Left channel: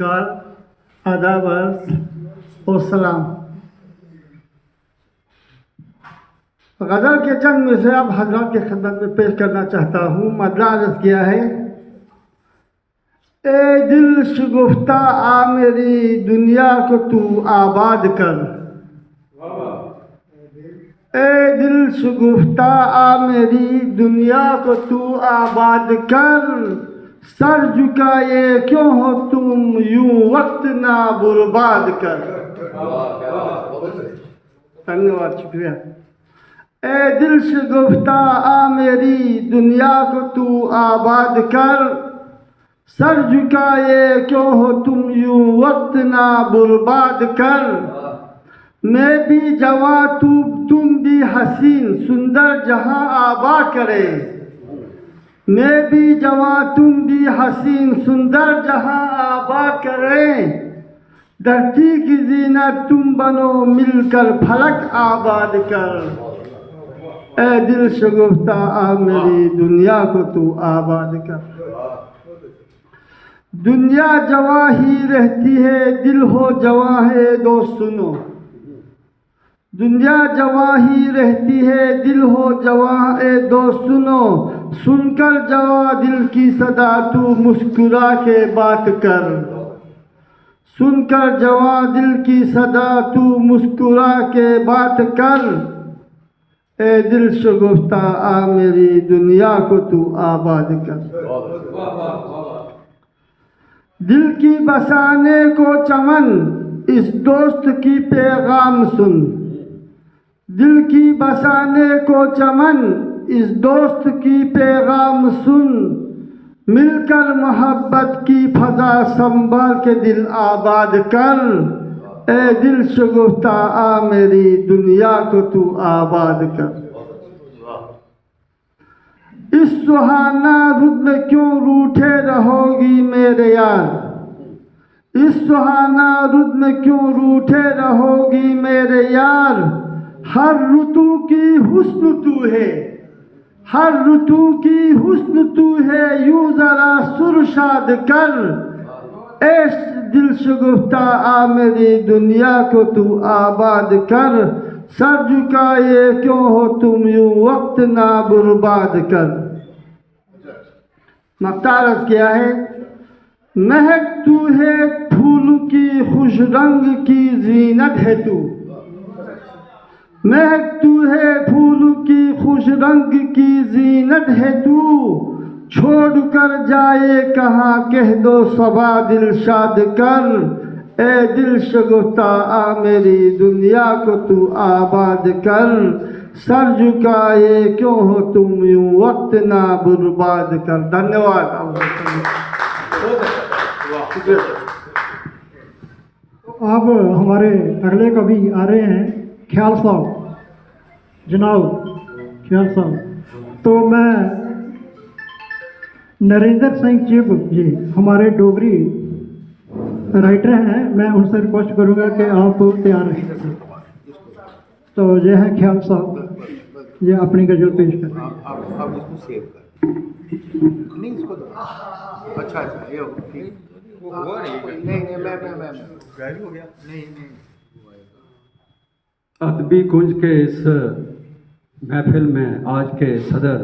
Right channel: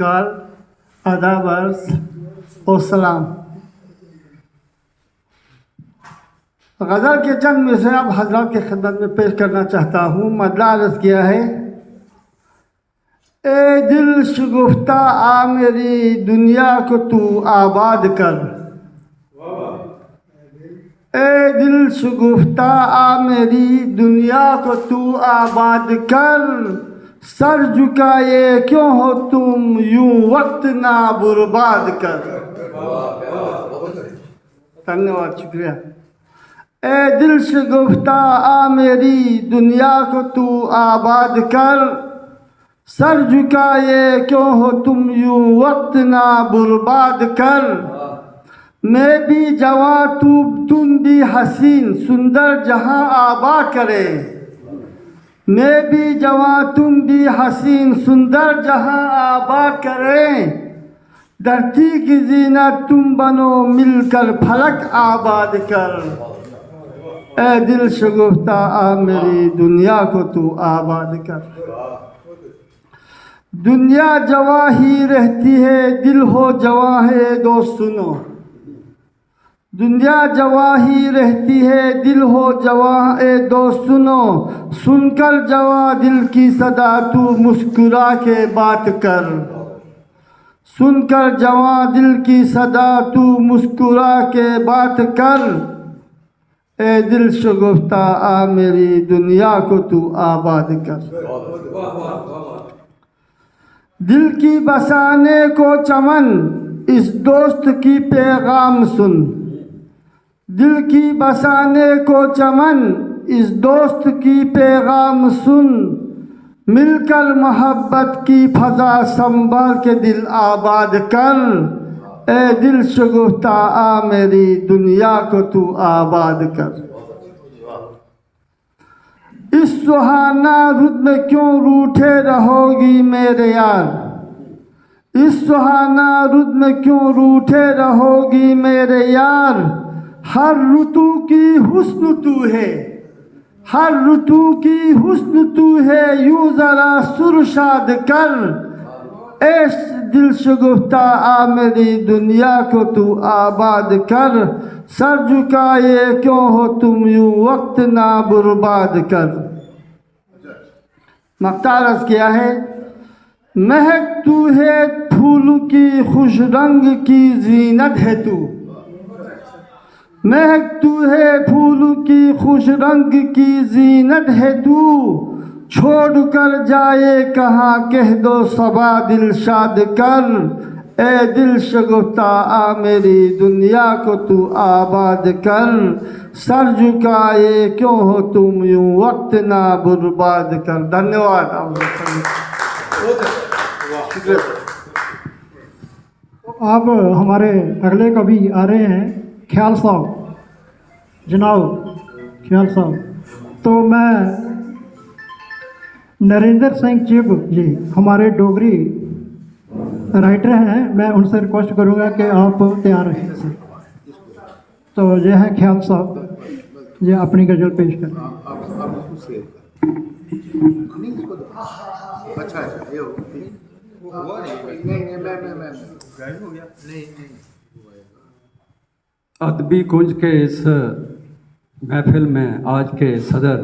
नमस्कार, आदाब और सलाम। गज़ल के चंद मिसरे आप हज़रात के खिदमत में पेश करना चाहता हूँ। मदला अर्ज़ किया है, ए दिल शगुफ्ता आ मेरी दुनिया को तू आबाद कर। ए दिल शगुफ्ता आ मेरी दुनिया को तू आबाद कर। सर झुकाए क्यों हो तुम यूं वक्त ना बर्बाद कर। धन्यवाद, शुक्रिया। ए दिल शगुफ्ता आ मेरी दुनिया को तू आबाद कर। सर झुकाए क्यों हो तुम यूं वक्त ना बर्बाद कर। मैं भी जवां तुम भी हसीन सुंदर जहां आबा करे। मैं भी जवां तुम भी हसीन सुंदर जहां आबा करे। धरती की जीनत तुम बनो मिलकर फलक आबाद कर। ए दिल शगुफ्ता आ मेरी दुनिया को तू आबाद कर। दुनिया जवां ही रहती है, दिल हो जवां है दोस्त सुनो। दुनिया जवां ही रहती है, दिल हो जवां है दोस्त सुनो। सुनकर जवां दिल की सदा तू मुस्कुरा के बात कर। सुनकर जवां दिल की सदा तू मुस्कुरा के बात कर। ए दिल शगुफ्ता आ मेरी दुनिया को तू आबाद कर। दिल की बसाने को चमन इस दोस्त की पैगाम सुन। दिल की बसाने को चमन इस दोस्त की पैगाम सुन। मिलकर मोहब्बत की फजा संभाल के दिल आबाद कर। ए दिल शगुफ्ता आ मेरी दुनिया को तू आबाद कर। इस सुहाना रुत में क्यों रूठे रहोगी मेरे यार। इस सुहाना रुत में क्यों रूठे रहोगी मेरे यार। हर ऋतु की हुस्न तू है, हर ऋतु की हुस्न तू है, यूं जरा सुरशाद कर। ए दिल शगुफ्ता आ मेरी दुनिया को तू आबाद कर। सर झुकाए क्यों हो तुम यूं वक्त ना बर्बाद कर। मख्तारस किया है, महक तू है फूल की खुश रंग की जीनत है तू। महक तू है फूल की खुश रंग की जीनत है तू। छोड़ कर जाए कहाँ कह दो सबा दिल शाद कर। ए दिल शगुफ्ता आ मेरी दुनिया को तू आबाद कर। सर झुकाए क्यों हो तुम यूं वक्त ना बर्बाद कर। धन्यवाद। अब हमारे अगले कवि आ रहे हैं, ख्याल साहब, जनाब ख्याल साहब। तो मैं नरेंद्र सिंह चिब जी हमारे डोगरी राइटर हैं, मैं उनसे रिक्वेस्ट करूंगा कि आप तैयार रहें। तो यह है ख्याल साहब, ये अपनी गज़ल पेश करें। आप इसको सेव कर, नहीं इसको दो। अच्छा ये हो ठीक। नहीं मैं हो गया नहीं। अदबी कुंज के इस महफिल में आज के सदर